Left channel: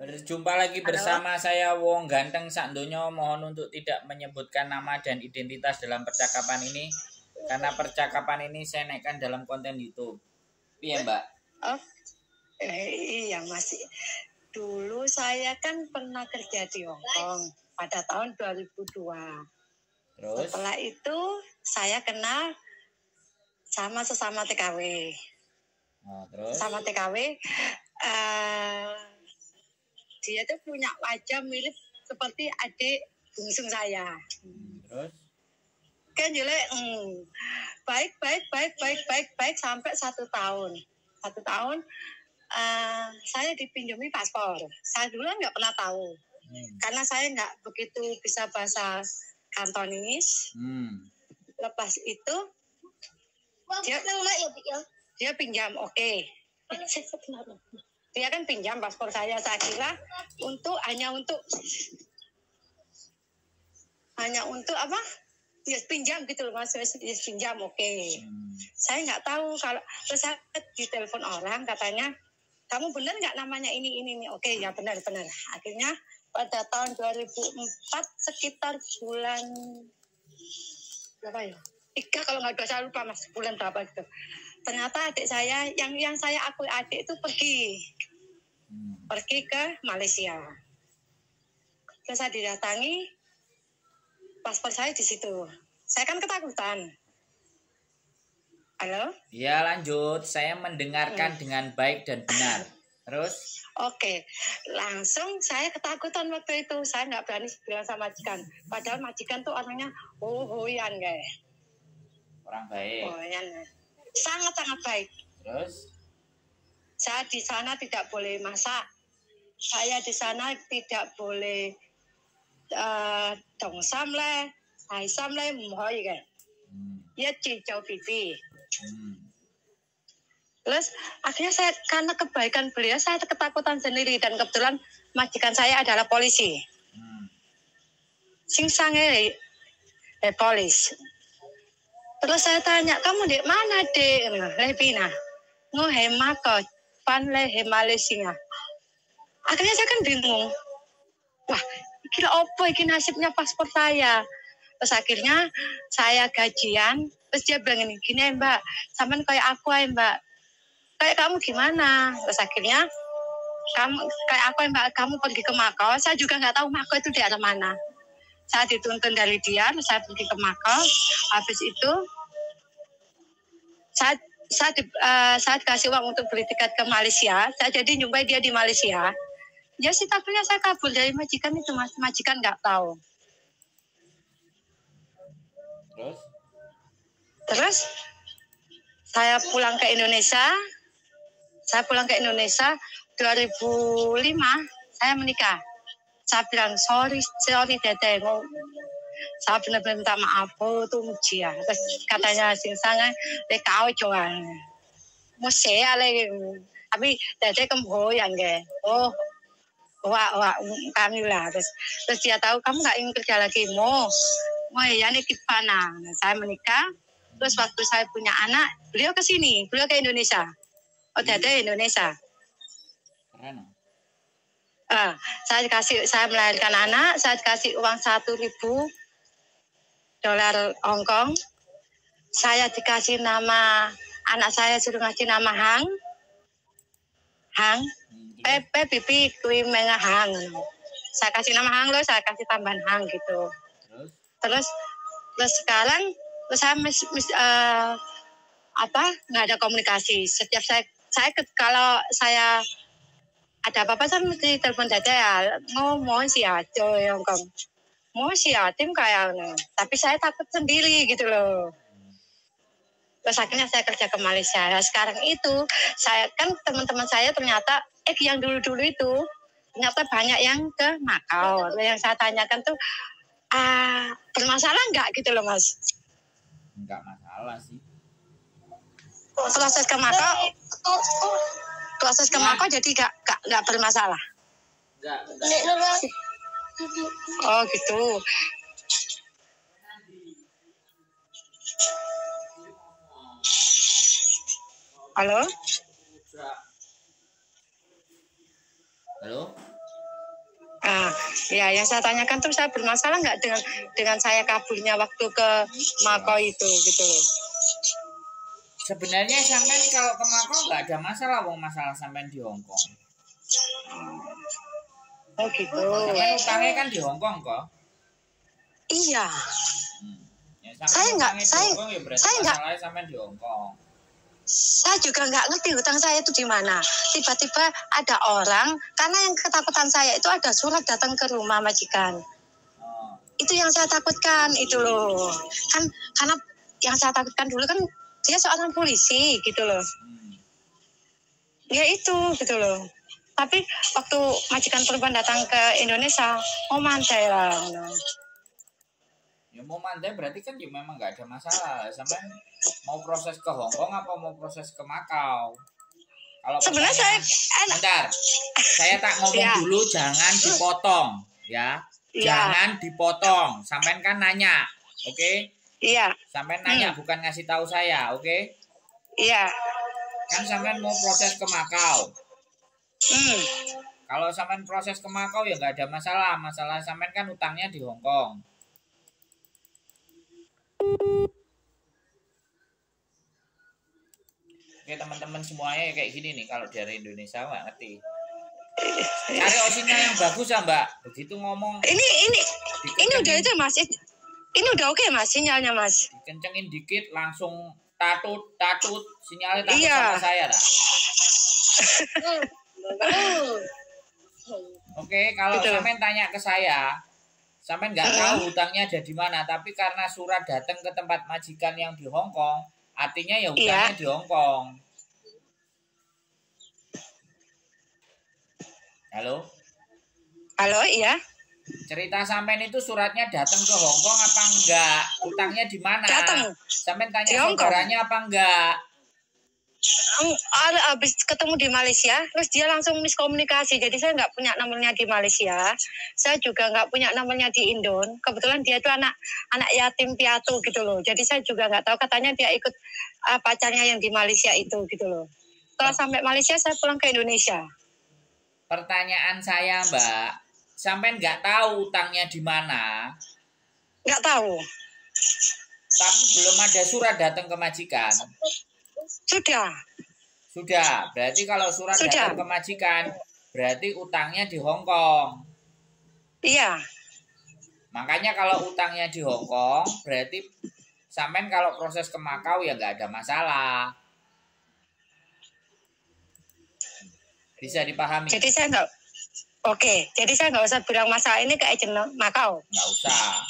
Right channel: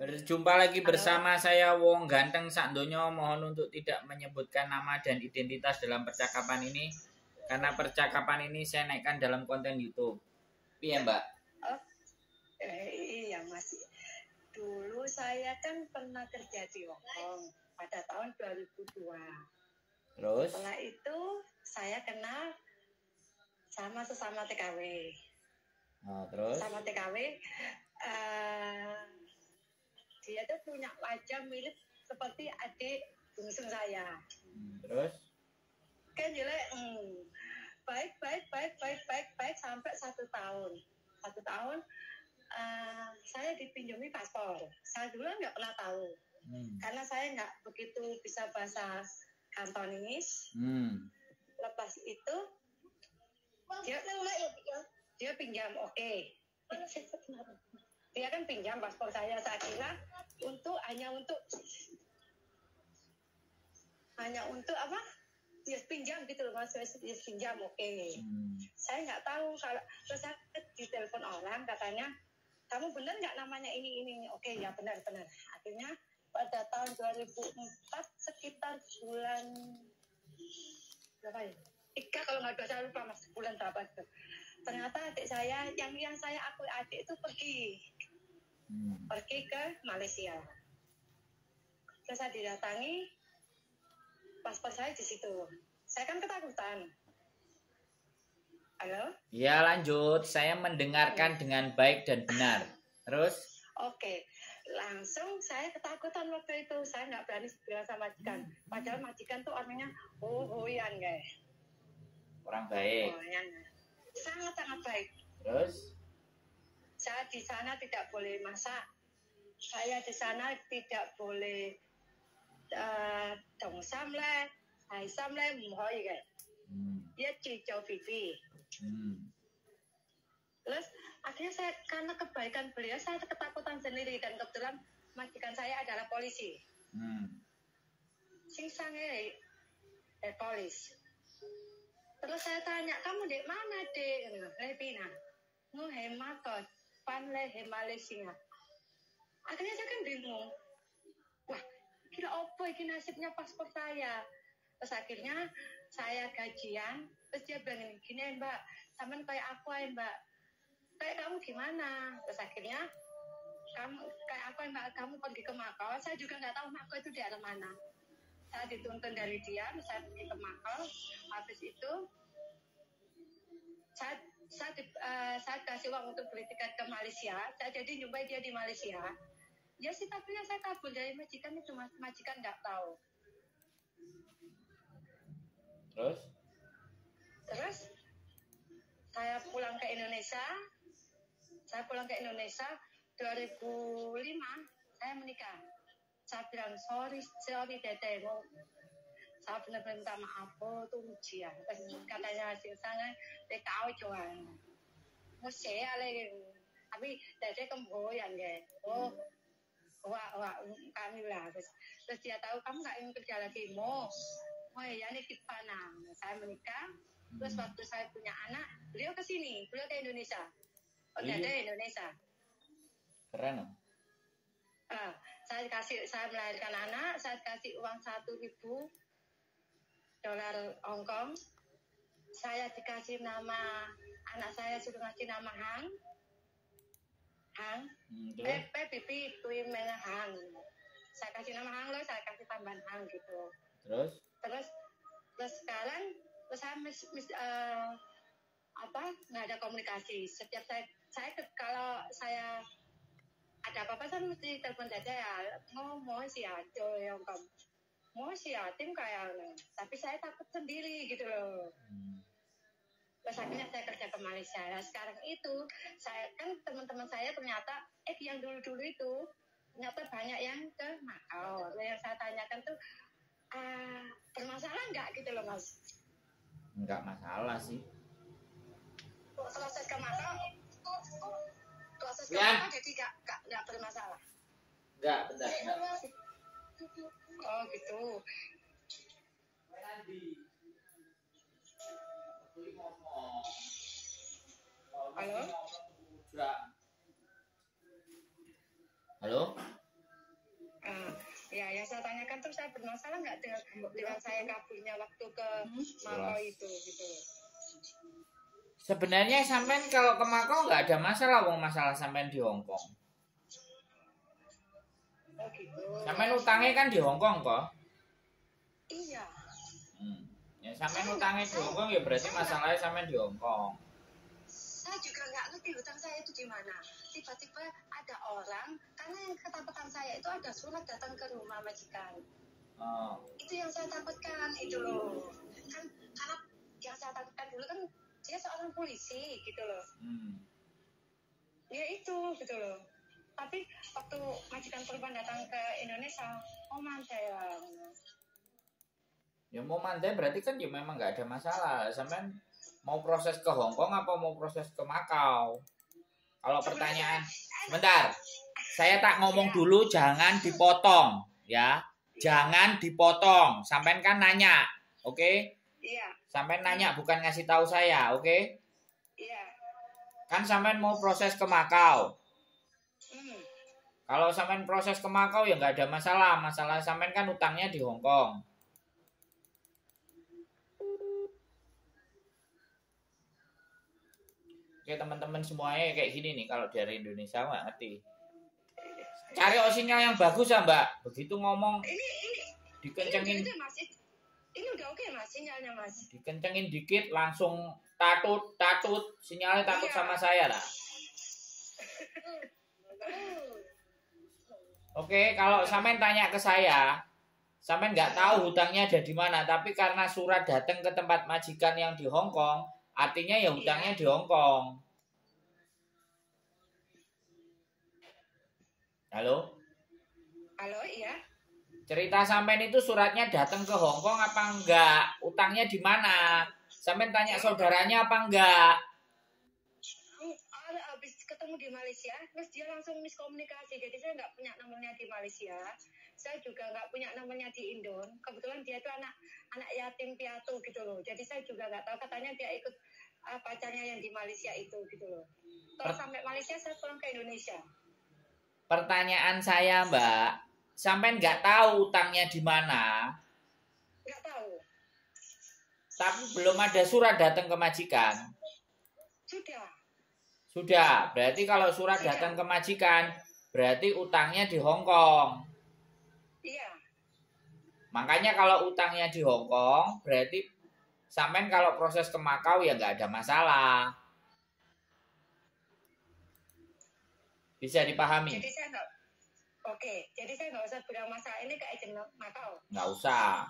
Berjumpa lagi bersama saya Wong Ganteng Sakdonya. Mohon untuk tidak menyebutkan nama dan identitas dalam percakapan ini, karena percakapan ini saya naikkan dalam konten YouTube. Iya Mbak? Oh, iya masih. Dulu saya kan pernah kerja di Hong Kong pada tahun 2002. Terus? Setelah itu saya kenal sama sesama TKW. Oh, terus? Sama TKW, dia tuh punya wajah mirip seperti adik bungsu saya. Terus? Kan jelek, baik sampai 1 tahun. 1 tahun saya dipinjami paspor. Saya dulu nggak pernah tahu, karena saya nggak begitu bisa bahasa Kantonis. Lepas itu dia pinjam, oke. Dia kan pinjam paspor saya kira hanya untuk apa? Ya pinjam gitu loh Mas, pinjam oke. Saya nggak tahu kalau terus saya ditelepon orang katanya, kamu benar nggak namanya ini? Oke, ya benar. Akhirnya pada tahun 2004 sekitar bulan berapa ya? 3 kalau nggak 2, saya lupa Mas, bulan berapa gitu. Ternyata adik saya yang saya akui adik itu pergi ke Malaysia. Terus saya didatangi, paspor saya di situ. Saya kan ketakutan. Halo? Ya lanjut, saya mendengarkan dengan baik dan benar. Terus? Oke, langsung saya ketakutan waktu itu. Saya nggak berani bilang sama majikan. Padahal majikan tuh orangnya hoyan guys. Orang baik. Hoyan, sangat baik. Terus? Saya di sana tidak boleh masak. Saya di sana tidak boleh dongsam le, aisam le, mhoy guys. Ya cicau pipi. Terus akhirnya saya karena kebaikan beliau saya ketakutan sendiri, dan kebetulan majikan saya adalah polisi. Sing sange polis. Terus saya tanya, kamu di mana dek? Lepina. Ngohema kok pan le Malaysia. Akhirnya saya kan bingung. Wah, kira apa iki nasibnya paspor saya? Terus akhirnya saya gajian, terus dia bilang gini Mbak, sampean kayak aku ya Mbak. Kayak kamu gimana? Terus akhirnya kamu kayak aku Mbak, kamu pergi ke Makau. Saya juga nggak tahu Makau itu di arah mana. Saya dituntun dari dia, saya pergi ke Makau. Habis itu saya dikasih uang untuk beli tiket ke Malaysia. Saya jadi jumpai dia di Malaysia. Ya sih, tapi saya kabur dari majikan itu Mas. Majikan nggak tahu. Terus saya pulang ke Indonesia. Saya pulang ke Indonesia 2005, saya menikah. Saya bilang, sorry Dede. Saya benar-benar minta maaf, tuh Mujia. Terus katanya, singsangan, kau coba. Mau saya lagi. Tapi Dede kemboyan, ge. Wah, kami lah. Terus dia tahu, kamu nggak ingin kerja lagi. Mau ya nih Kipana. Saya menikah. Terus waktu saya punya anak, beliau ke sini. Beliau ke Indonesia. Oh, Dede Indonesia. Keren. Saya melahirkan anak, saya dikasih uang $1.000 Hongkong. Saya dikasih nama, anak saya suruh ngasih nama Hang. Pepe pipi kui menga Hang. Saya kasih nama Hang loh, saya kasih tambahan Hang gitu. Terus sekarang saya nggak ada komunikasi. Setiap kalau saya ada apa-apa saya mesti telepon Dede ya, ngomong sih aja Hongkong. Mau sih tim kayaknya, tapi saya takut sendiri gitu loh. Terus akhirnya saya kerja ke Malaysia. Nah, sekarang itu saya kan teman-teman saya ternyata yang dulu itu ternyata banyak yang ke Makau. Yang saya tanyakan tuh bermasalah nggak gitu loh Mas? Nggak masalah sih. Proses ke Makau jadi nggak bermasalah. Nggak. Oh gitu. Halo? Ah, ya, yang saya tanyakan tuh saya bermasalah nggak dengan saya kaburnya waktu ke Makau itu gitu loh. Sebenarnya sampean kalau ke Makau nggak ada masalah, wong masalah sampean di Hong Kong. Oh gitu. Sampean utangnya kan di Hong Kong kok. Iya. Ya, sampean utangnya di Hong Kong ya berarti masalahnya sampean di Hong Kong. Saya juga nggak ngerti hutang saya itu di mana. Tiba-tiba ada orang, karena yang ketakutan saya itu ada surat datang ke rumah majikan. Oh. Itu yang saya takutkan itu loh. Kan karena yang saya takutkan dulu kan dia seorang polisi gitu loh. Ya itu gitu loh. Tapi waktu majikan perempuan datang ke Indonesia, mau mantai lah. Ya mau mantai berarti kan ya memang nggak ada masalah. Sampean mau proses ke Hong Kong apa mau proses ke Makau? Kalau sebenarnya bentar, saya tak ngomong dulu, jangan dipotong, ya. Jangan dipotong. Sampean kan nanya, oke? Iya. Sampean nanya bukan ngasih tahu saya, oke? Iya. Kan sampean mau proses ke Makau. Kalau sampean proses ke Makau ya nggak ada masalah. Masalah sampean kan utangnya di Hong Kong. Oke teman-teman semuanya kayak gini nih, kalau dari Indonesia nggak ngerti. Cari sinyal yang bagus ya Mbak. Begitu ngomong. Ini udah itu Mas. Ini udah oke Mas sinyalnya Mas. Dikencengin dikit langsung tatut sinyalnya takut sama saya lah. Oke, kalau sampean tanya ke saya, sampean nggak tahu hutangnya ada di mana, tapi karena surat datang ke tempat majikan yang di Hong Kong, artinya ya hutangnya di Hong Kong. Halo? Halo, iya. Cerita sampean itu suratnya datang ke Hong Kong apa enggak? Utangnya di mana? Sampean tanya saudaranya apa enggak? Habis ketemu di Malaysia, terus dia langsung miskomunikasi. Jadi saya nggak punya nomornya di Malaysia. Saya juga nggak punya nomornya di Indon. Kebetulan dia itu anak yatim piatu gitu loh. Jadi saya juga nggak tahu. Katanya dia ikut pacarnya yang di Malaysia itu gitu loh. Setelah sampai Malaysia, saya pulang ke Indonesia. Pertanyaan saya, Mbak, sampean nggak tahu utangnya di mana? Nggak tahu. Tapi belum ada surat datang ke majikan. Sudah. Berarti kalau surat datang ke majikan, berarti utangnya di Hong Kong. Iya. Makanya kalau utangnya di Hong Kong, berarti sampean kalau proses ke Makau ya nggak ada masalah. Bisa dipahami? Jadi saya nggak. Oke, jadi saya nggak usah bilang masalah ini ke agen Makau. Nggak usah.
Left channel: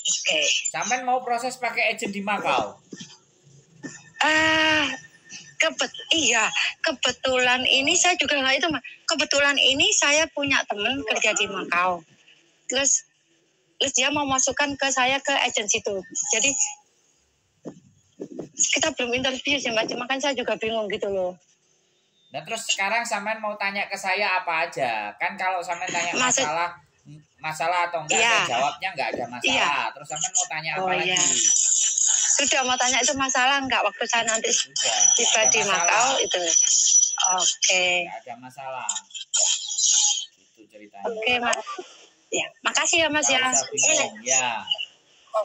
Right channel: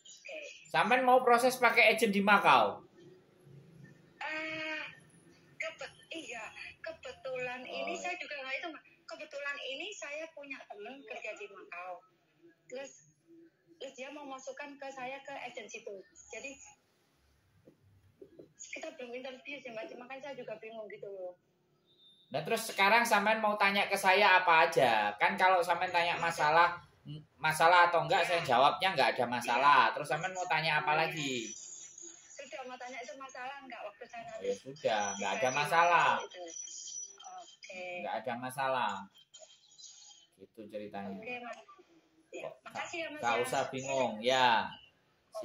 Oke. Sampean mau proses pakai agen di Makau? Kebetulan ini saya juga nggak itu. Kebetulan ini saya punya teman kerja di Makau. Terus dia mau masukkan ke saya ke agen situ. Jadi kita belum interview sih Mas, makanya saya juga bingung gitu loh. Nah terus sekarang sampean mau tanya ke saya apa aja? Kan kalau sampean tanya masalah atau enggak, saya jawabnya enggak ada masalah. Terus sampean mau tanya apa lagi? Sudah mau tanya itu masalah enggak waktu saya nanti tiba di Makau itu. Oke. Enggak ada masalah. Itu ceritanya. Oke, Mas. Ya, makasih ya Mas ya. Enggak usah bingung, ya.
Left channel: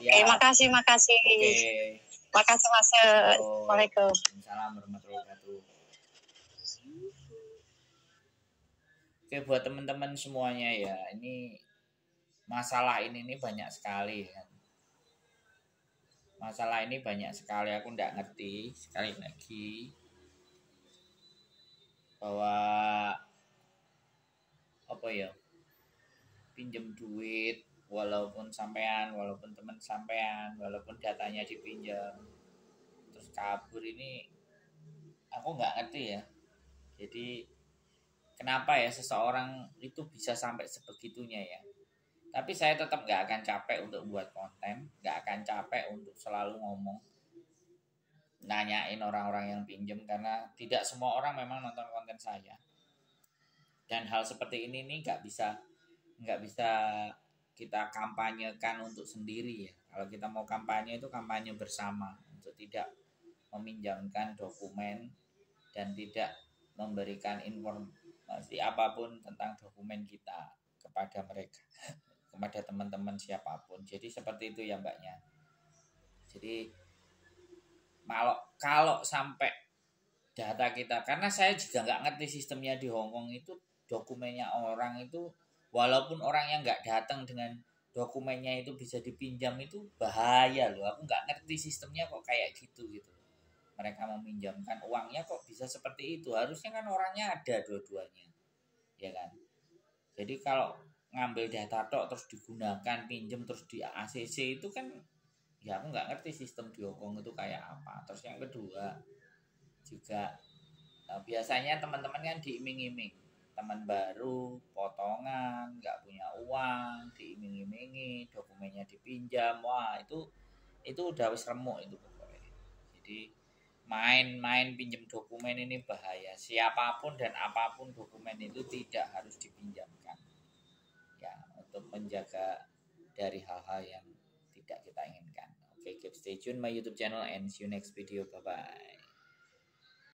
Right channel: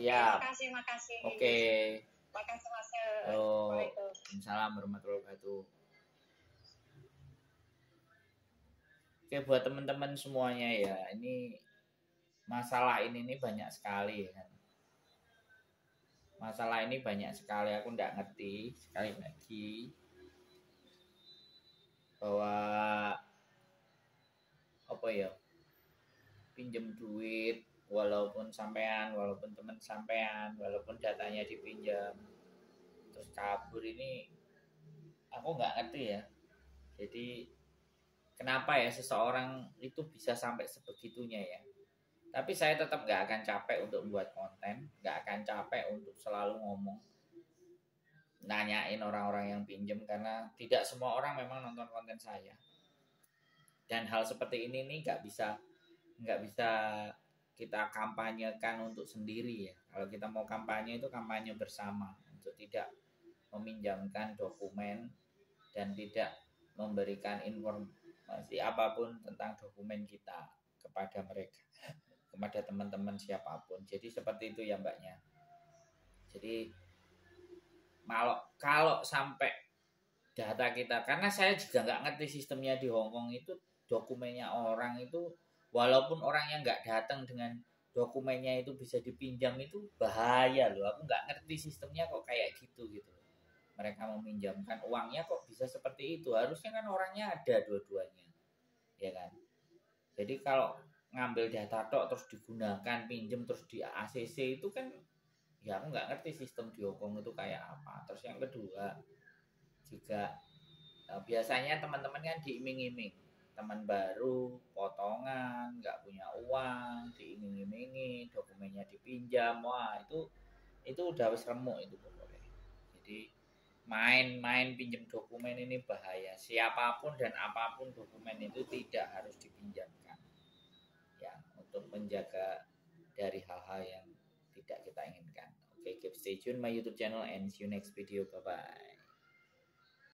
Oke, makasih. Oke. Makasih Mas. Assalamualaikum. Waalaikumsalam warahmatullahi wabarakatuh. Oke, buat teman-teman semuanya ya, ini masalah ini banyak sekali kan. Masalah ini banyak sekali, aku nggak ngerti sekali lagi bahwa apa ya, pinjem duit walaupun sampean, walaupun teman sampean, walaupun datanya dipinjam terus kabur, ini aku nggak ngerti ya. Jadi kenapa ya seseorang itu bisa sampai sebegitunya ya. Tapi saya tetap nggak akan capek untuk buat konten, nggak akan capek untuk selalu ngomong, nanyain orang-orang yang pinjem, karena tidak semua orang memang nonton konten saya. Dan hal seperti ini nih nggak bisa kita kampanyekan untuk sendiri ya. Kalau kita mau kampanye itu kampanye bersama, untuk tidak meminjamkan dokumen dan tidak memberikan informasi apapun tentang dokumen kita. kepada mereka, kepada teman-teman siapapun. Jadi seperti itu ya Mbaknya. Jadi kalau sampai data kita, karena saya juga nggak ngerti sistemnya di Hong Kong itu, dokumennya orang itu walaupun orangnya nggak datang dengan dokumennya itu bisa dipinjam, itu bahaya loh. Aku nggak ngerti sistemnya kok kayak gitu. Mereka meminjamkan uangnya kok bisa seperti itu. Harusnya kan orangnya ada dua-duanya, ya kan. Jadi kalau ngambil data tok terus digunakan pinjem terus di ACC itu kan, ya aku nggak ngerti sistem di Hong Kong itu kayak apa. Terus yang kedua juga biasanya teman-teman kan diiming-iming, teman baru potongan, nggak punya uang, diiming-imingi dokumennya dipinjam. Wah itu udah wis remuk itu pokoknya. Jadi main-main pinjam dokumen ini bahaya. Siapapun dan apapun dokumen itu tidak harus dipinjamkan, ya, untuk menjaga dari hal-hal yang tidak kita inginkan. Oke, keep stay tune my YouTube channel and see you next video. Bye bye.